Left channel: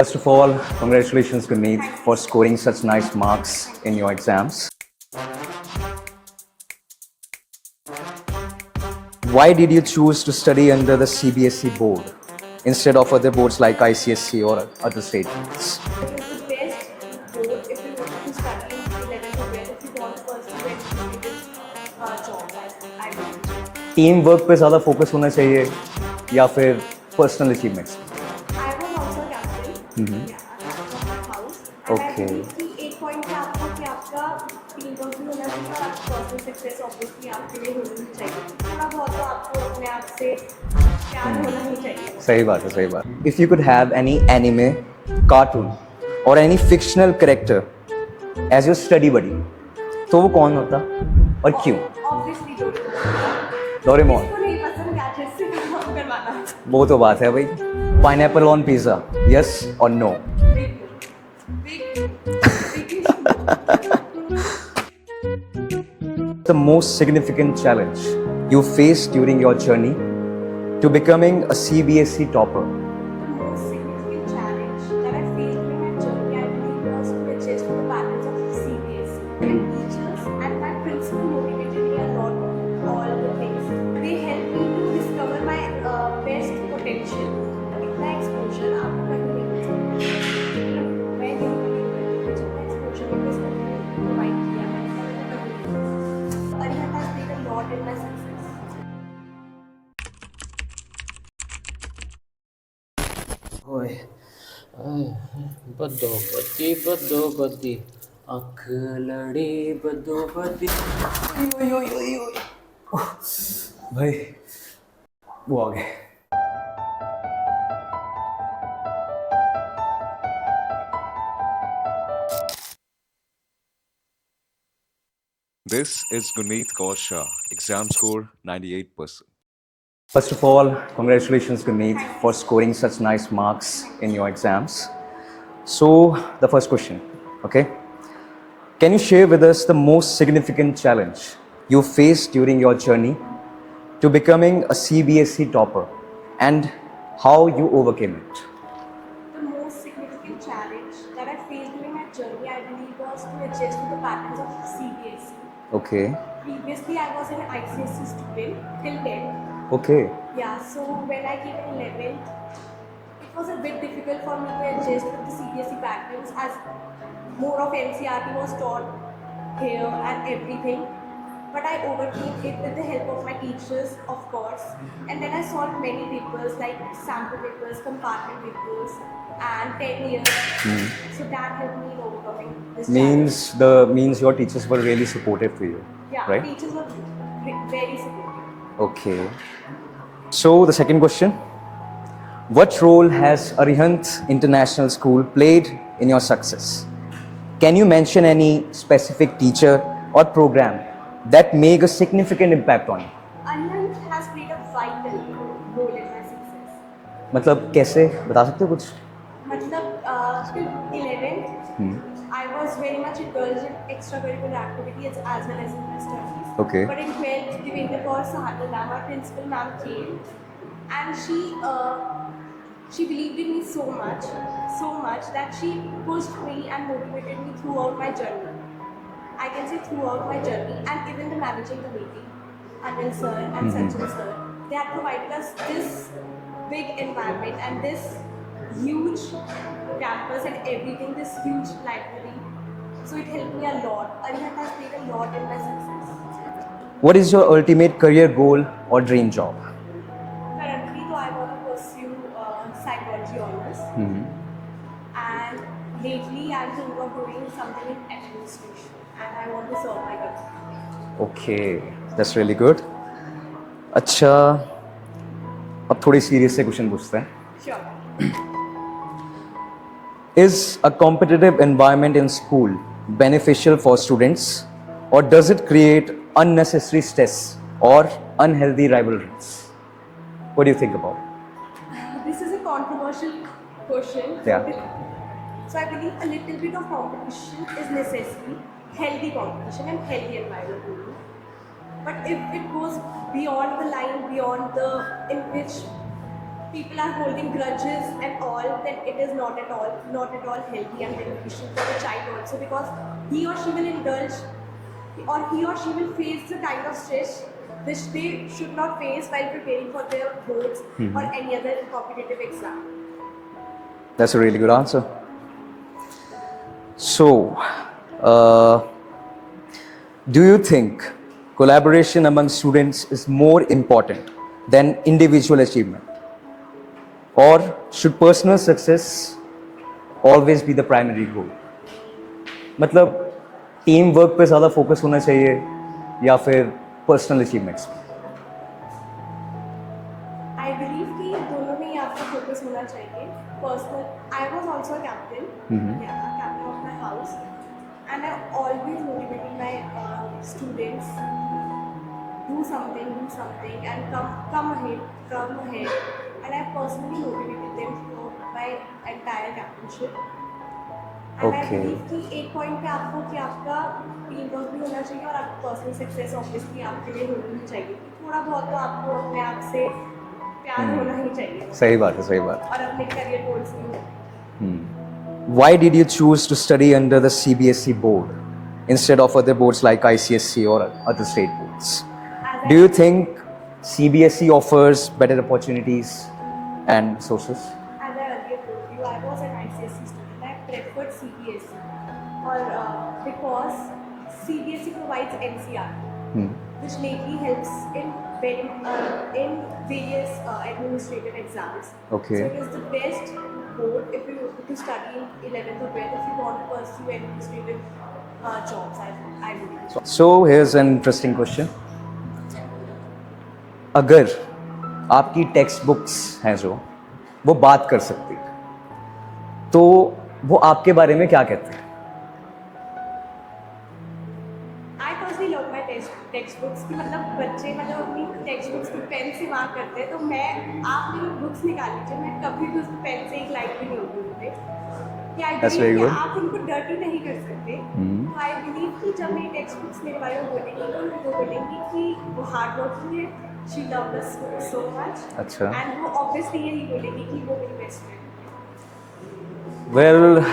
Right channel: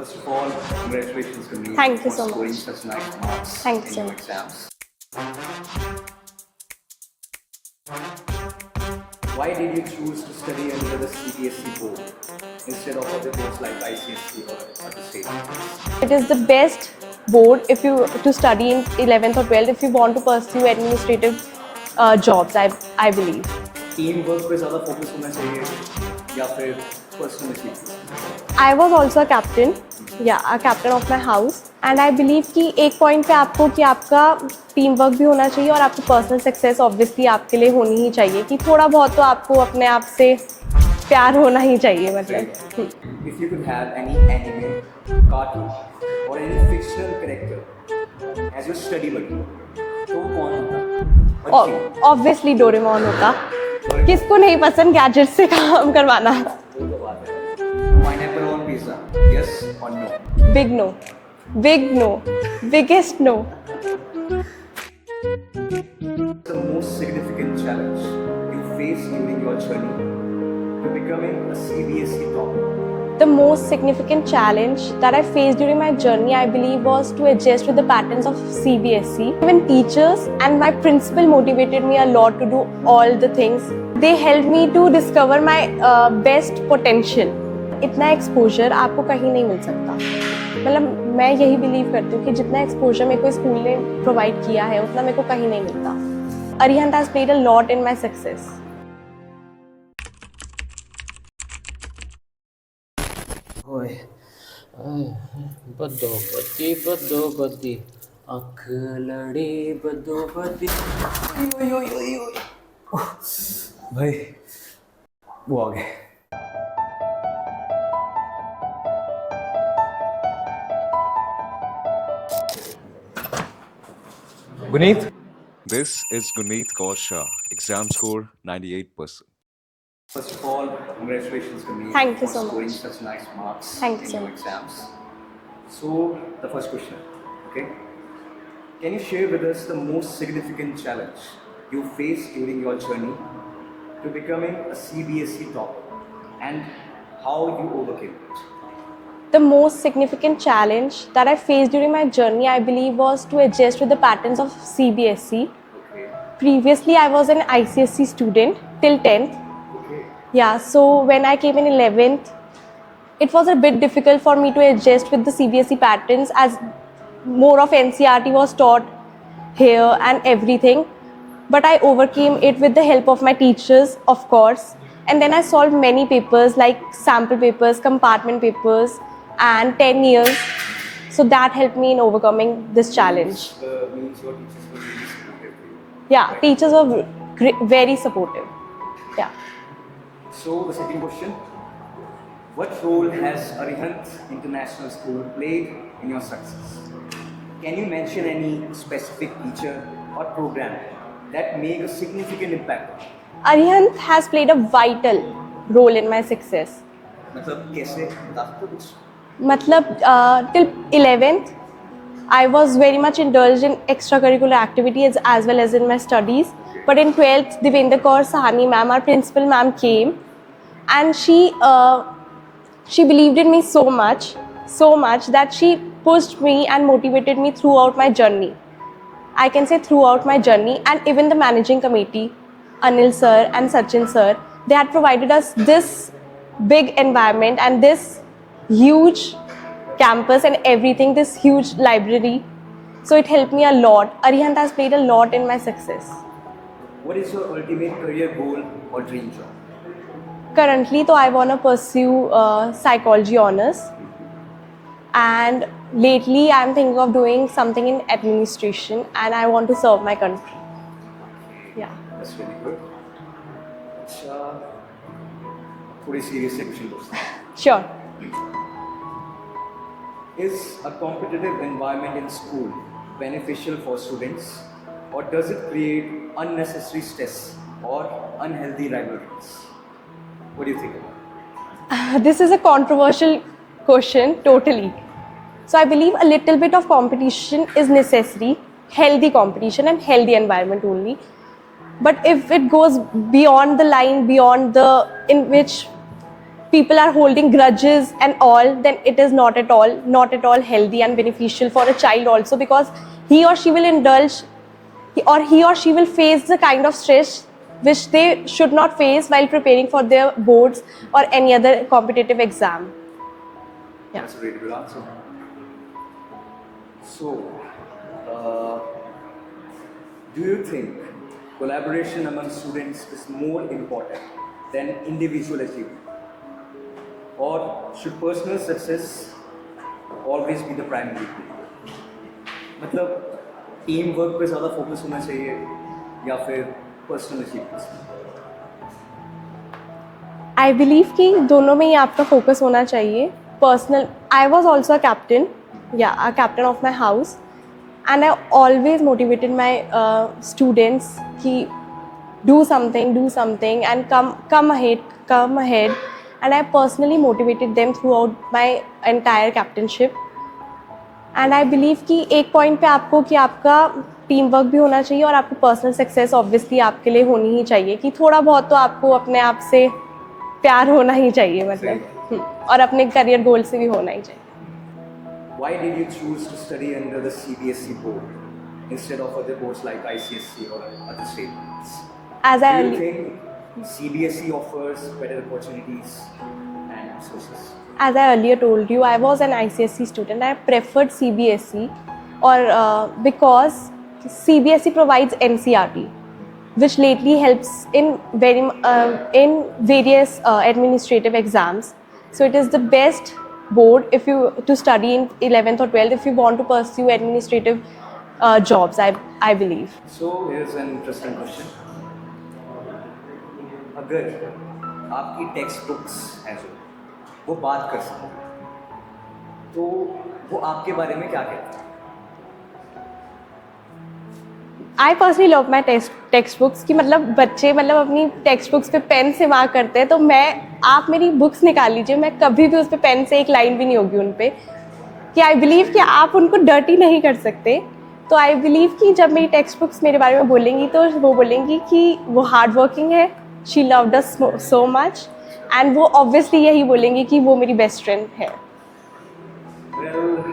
First of all, congratulations, Guneet, Thank you for so scoring much. such nice marks Thank you in so your much. exams. Why did you choose to study under the CBSE board instead of other boards like ICSE or other state boards? It is the best board if you to study in 11th or 12th if you want to pursue administrative jobs. I believe. Team work पे ज़्यादा focus होना चाहिए या फिर personal achievements? I was also a captain, a captain of my house, and I Okay. believe कि एक point पे आपको कि आपका टीम वर्क भी होना चाहिए और आपकी पर्सनल सक्सेस ऑब्वियसली आपके लिए होनी ही चाहिए कि थोड़ा बहुत तो आपको अपने आप से प्यार होना ही चाहिए मतलब। सही बात है, सही बात है। If you could have any anime, cartoon or any fictional character as your study buddy, तो वो कौन होता और क्यों? ऑब्वियसली डोरेमोन होता। डोरेमोन। किसको नहीं पसंद गैजेट से काम करवाना? वो तो बात है भाई। पाइनएप्पल ऑन पिज्जा, यस और no? Big no, biggest no. The most significant challenge you faced during your journey to becoming a CBSE topper? The most significant challenge that I faced during my journey, I believe, was to adjust with the patterns of CBSE. Even teachers and my principal motivated me a lot to do all the things. They helped me to discover my best potential. इतना exposure आपको कहीं नहीं मिल सकता। मतलब मैं यही believe करती हूँ कि जितना एक्सपोजर मेरे को स्कूल ने प्रोवाइड किया है उतना मेरे को कहीं नहीं मिलता। Arihant has played a lot in my success. ओए बदो बदी अख लड़ी बदो बदी। भाई वो आ गए। Guneet, This is Guneet Kaur Shah. Exam score 98%. first of all, congratulations, Guneet, Thank you for so scoring much. such nice marks Thank you in so your much. exams. So, the first question, okay? Can you share with us the most significant challenge you faced during your journey to becoming a CBSE topper and how you overcame it? The most significant challenge that I faced during my journey, I believe, was to adjust with the patterns of CBSE. Okay, Previously, I was an ICSE student till 10th. okay, Yeah, so when I came in 11th, it was a bit difficult for me to adjust with the CBSE patterns as more of NCRT was taught here and everything. But I overcame it with the help of my teachers, of course. And then I solved many papers like sample papers, compartment papers, and 10 years. So that helped me in overcoming this challenge. Means your teachers were really supportive to you. Yeah, right? teachers were very supportive. Okay. Yeah. So the second question, what role has Arihant International School played in your success? Can you mention any specific teacher or program that made a significant impact on you? Arihant has played a vital role in my success. मतलब कैसे बता सकते हो कुछ? Matlab, till 11th, I was very much indulged in extracurricular activities as well as in my studies. Okay. But in 12th, Devendra Kaur Sahani ma'am, our principal ma'am, came, and she believed in me so much that she pushed me and motivated me throughout my journey. I can say throughout my journey, and even the managing committee, Anil sir and Sachin sir, they had provided us this big environment and this huge campus and everything, this huge library. So it helped me a lot. Arihant has played a lot in my success. What is your ultimate career goal or dream job? Currently, though, I want to pursue psychology honors. And lately, I'm thinking of doing something in administration and I want to serve my country. Okay, Yeah. that's really good. अच्छा, अब थोड़ी serious से question पूछते हैं. Sure. Is a competitive environment in school beneficial for students, or does it create unnecessary stress or unhealthy rivalries? What do you think about it? This is a controversial question, totally. So I believe a little bit of competition is necessary, healthy competition and healthy environment only. But if it goes beyond the line, beyond the in which people are holding grudges and all, then it is not at all healthy and beneficial for a child also, because he or she will indulge, he or she will face the kind of stress which they should not face while preparing for their boards or any other competitive exam. That's a really good answer. So, do you think collaboration among students is more important than individual achievement? Or should personal success always be the primary goal? मतलब team work पे ज़्यादा focus होना चाहिए या फिर personal achievements? I believe कि दोनों में ही आपका फोकस होना चाहिए. Personal, I was also a captain, या a captain of my house, and I always motivated my students कि do something and come ahead, and I personally motivated them throughout my entire captainship. And I Okay. believe कि एक point पे आपको कि आपका team work भी होना चाहिए और आपको पर्सनल सक्सेस ऑब्वियसली आपके लिए होनी ही चाहिए, कि थोड़ा बहुत तो आपको अपने आप से प्यार होना ही चाहिए, मतलब सही बात है, सही बात और अपने करियर गोल से भी होना ही चाहिए. है. Why did you choose to study under the CBSE board instead of other boards like ICSE or other state boards? As Do you think CBSE offers better opportunities and sources? As I earlier told you, I was an ICSE student. I preferred CBSE, or because CBSE provides NCRT, which lately helps in various administrative exams. Okay. So it is the best board if you to study in 11th or 12th if you want to pursue administrative jobs. I believe. So here's an interesting question. अगर आपकी text books हैं जो वो बात कर सकती, तो वो आपके बारे में क्या कहते हैं? I personally love my text books, कि मतलब बच्चे मतलब अपनी टेक्स्ट बुक्स पे पेन से मार्क करते हैं, तो आप मेरी बुक्स निकाल लीजिए, मैं कभी भी उस पे पेन से एक लाइन भी नहीं होगी उन पे, कि आई बिलीव कि आप उनको डर्टी नहीं कर सकते. तो आई बिलीव कि जब मेरी टेक्स्ट बुक्स मेरे बारे में बोलेंगी तो वो बोलेंगी कि वो हार्ड वर्किंग है, she loved us so much, and वो ऑब्वियसली यही बोलेंगी कि वो मेरी बेस्ट फ्रेंड है. वेल,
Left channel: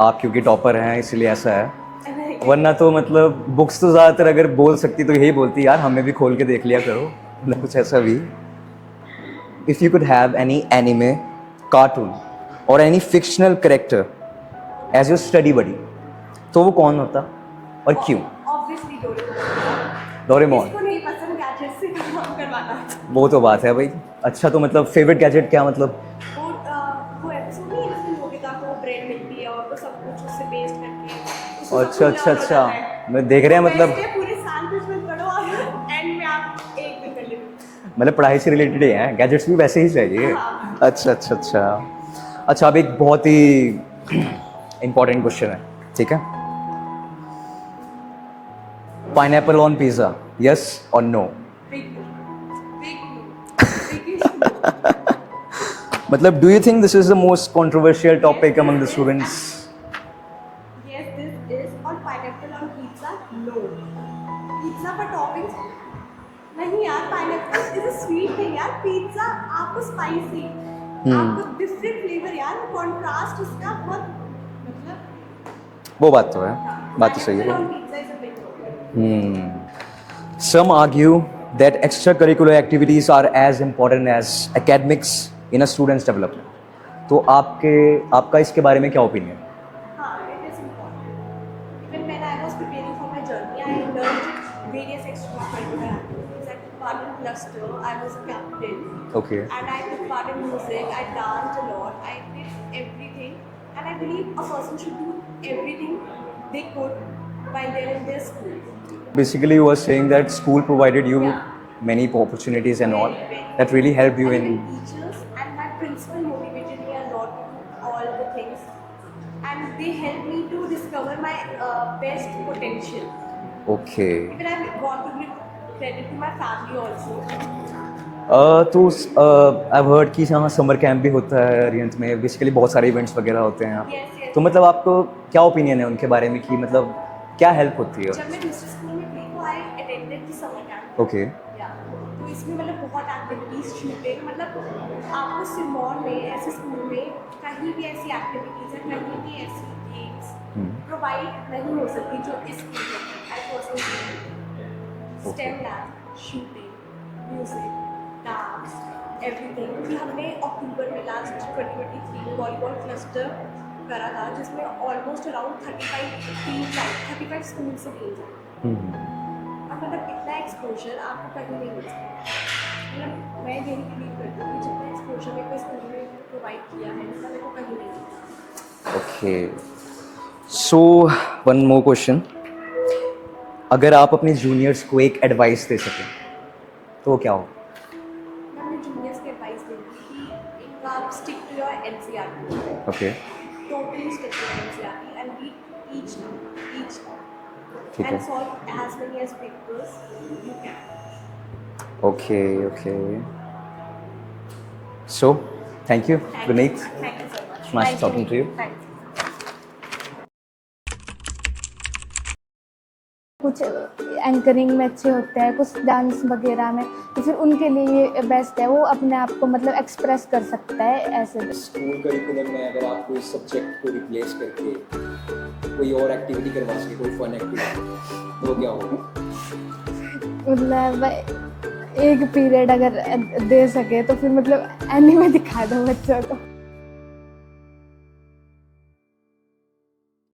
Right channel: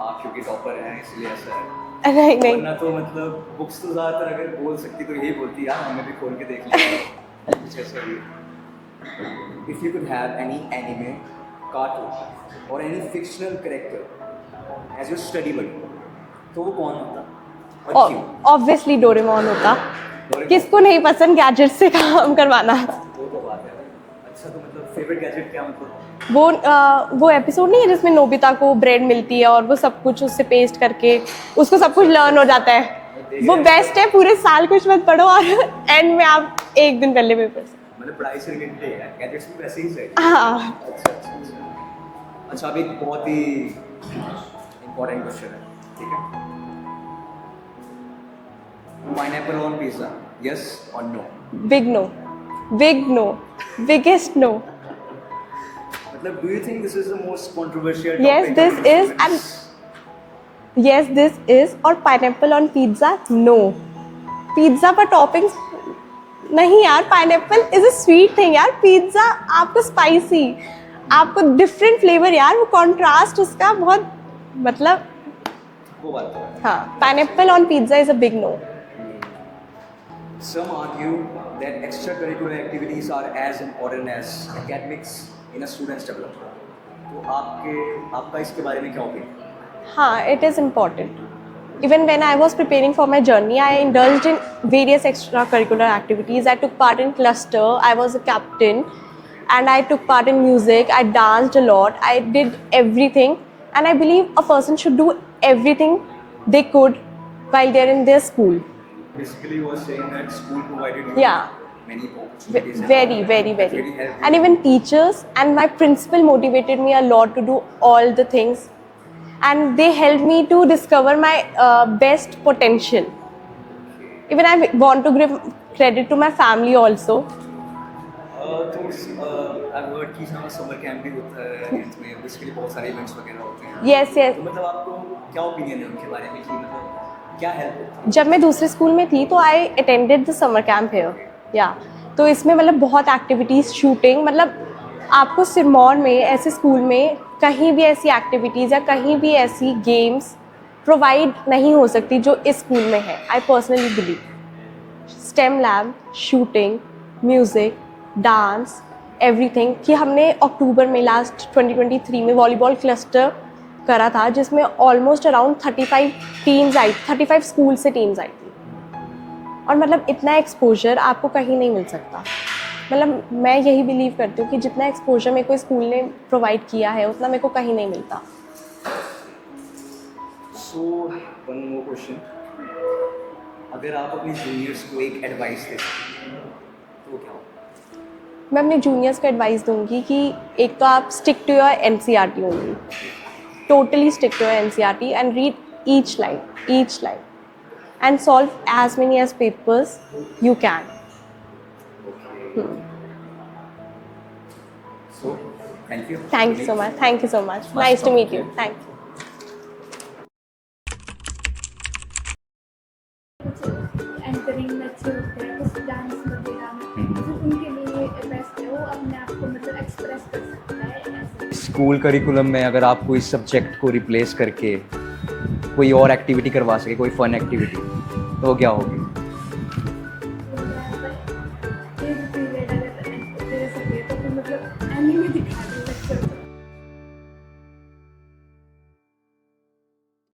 आप क्योंकि टॉपर हैं इसलिए ऐसा है, नहीं, वरना तो मतलब बुक्स तो ज़्यादातर अगर बोल सकती तो यही बोलती, यार हमें भी खोल के देख लिया करो, मतलब कुछ ऐसा भी. If you could have any anime, cartoon और any fictional character as your study buddy, तो वो कौन होता और क्यों? ऑब्वियसली डोरेमोन होता. डोरेमोन. किसको नहीं पसंद गैजेट से काम करवाना? वो तो बात है भाई. अच्छा, तो मतलब फेवरेट गैजेट क्या, मतलब वो एपिसोड नहीं है जिसमें नोबिता को ब्रेड मिलती है और वो सब कुछ उससे पेस्ट करके उसको सब कुछ अच्छा, लर्न हो अच्छा. जाता है. मैं देख वो रहे हैं बेस्ट मतलब है, पूरे साल कुछ मत पढ़ो और एंड में आप एक दिन पहले पेपर. मतलब पढ़ाई से रिलेटेड ही हैं, गैजेट्स भी वैसे ही चाहिए. हाँ. अच्छा अच्छा अच्छा अच्छा. अब एक बहुत ही इम्पोर्टेंट क्वेश्चन है, ठीक है? पाइनएप्पल ऑन पिज्जा, यस और no? Big no, biggest no. मतलब do you think this is the most controversial topic among the students? Yes, this is. और pineapple on pizza, no. Pizza पर toppings नहीं यार, pineapple is a sweet thing यार. Pizza आपको spicy, आपको different flavour यार, वो कॉन्ट्रास्ट उसका बहुत, मतलब वो बात तो है. हाँ. बात तो सही पाइनएप्पल है. On pizza is a big no. Some argue that extracurricular activities are as important as academics in a student's development. तो आपका इसके बारे में क्या ओपिनियन? हाँ, it is important. Even when I was preparing for my journey, I indulged in various extracurricular activities. I took part in cluster. I was a captain. Okay. And I took part in music. I danced a lot. I did everything. And I believe a person should do everything they could while they're in their school. Basically, you were saying that school provided you Yeah. many opportunities and Very, all very, that very. really helped you. And even teachers and my principal motivated me a lot to do all the things. And they helped me to discover my best potential. Okay. Even I want to give credit to my family also. तो I've heard कि यहाँ summer camp भी होता है रियंस में, basically बहुत सारे events वगैरह होते हैं. Yes, yes. तो मतलब आपको क्या ओपिनियन है उनके बारे में, कि मतलब क्या हेल्प होती है? जब मैं दूसरे स्कूल में थी तो I attended the summer camp here. Okay. या तो इसमें मतलब बहुत एक्टिविटीज, शूटिंग, मतलब आपको सिरमौर में ऐसे स्कूल में कहीं भी ऐसी एक्टिविटीज़ या कहीं भी ऐसी गेम्स प्रोवाइड नहीं हो सकती जो इस स्कूल में है. I personally believe stem lab, shooting, music, dance, everything. कि हमने अक्टूबर में लास्ट 2023 में वॉलीबॉल क्लस्टर करा था जिसमें ऑलमोस्ट अराउंड 35 स्कूल से टीम्स आई थी. और मतलब इतना एक्सपोजर आपको कहीं नहीं मिल सकता. मतलब मैं यही बिलीव करती हूँ कि जितना एक्सपोजर मेरे को स्कूल ने प्रोवाइड किया है उतना मेरे को कहीं नहीं मिलता. Okay, so one more question. अगर आप अपने जूनियर्स को एक एडवाइस दे सकें तो वो क्या हो? मैं अपने जूनियर्स को एडवाइस दूंगी कि एक तो आप stick to your NCERT only. Okay, Totally stick to your NCERT and read each line and solve as many as papers you can. Okay, okay. So thank you. Thank you so much. Thank you so much. Nice Nice to talking meet to you. you. Thanks. कुछ anchoring में अच्छे होते हैं, कुछ dance वगैरह में, तो फिर उनके लिए ये बेस्ट है. वो अपने आप को मतलब एक्सप्रेस कर सकता है ऐसे. स्कूल करिकुलम में अगर आप कोई सब्जेक्ट को रिप्लेस करके कोई और एक्टिविटी करवा सके, कोई फन एक्टिविटी, तो वो क्या होगी? मतलब एक पीरियड अगर दे सके तो फिर मतलब एनीमे दिखा दो बच्चों को.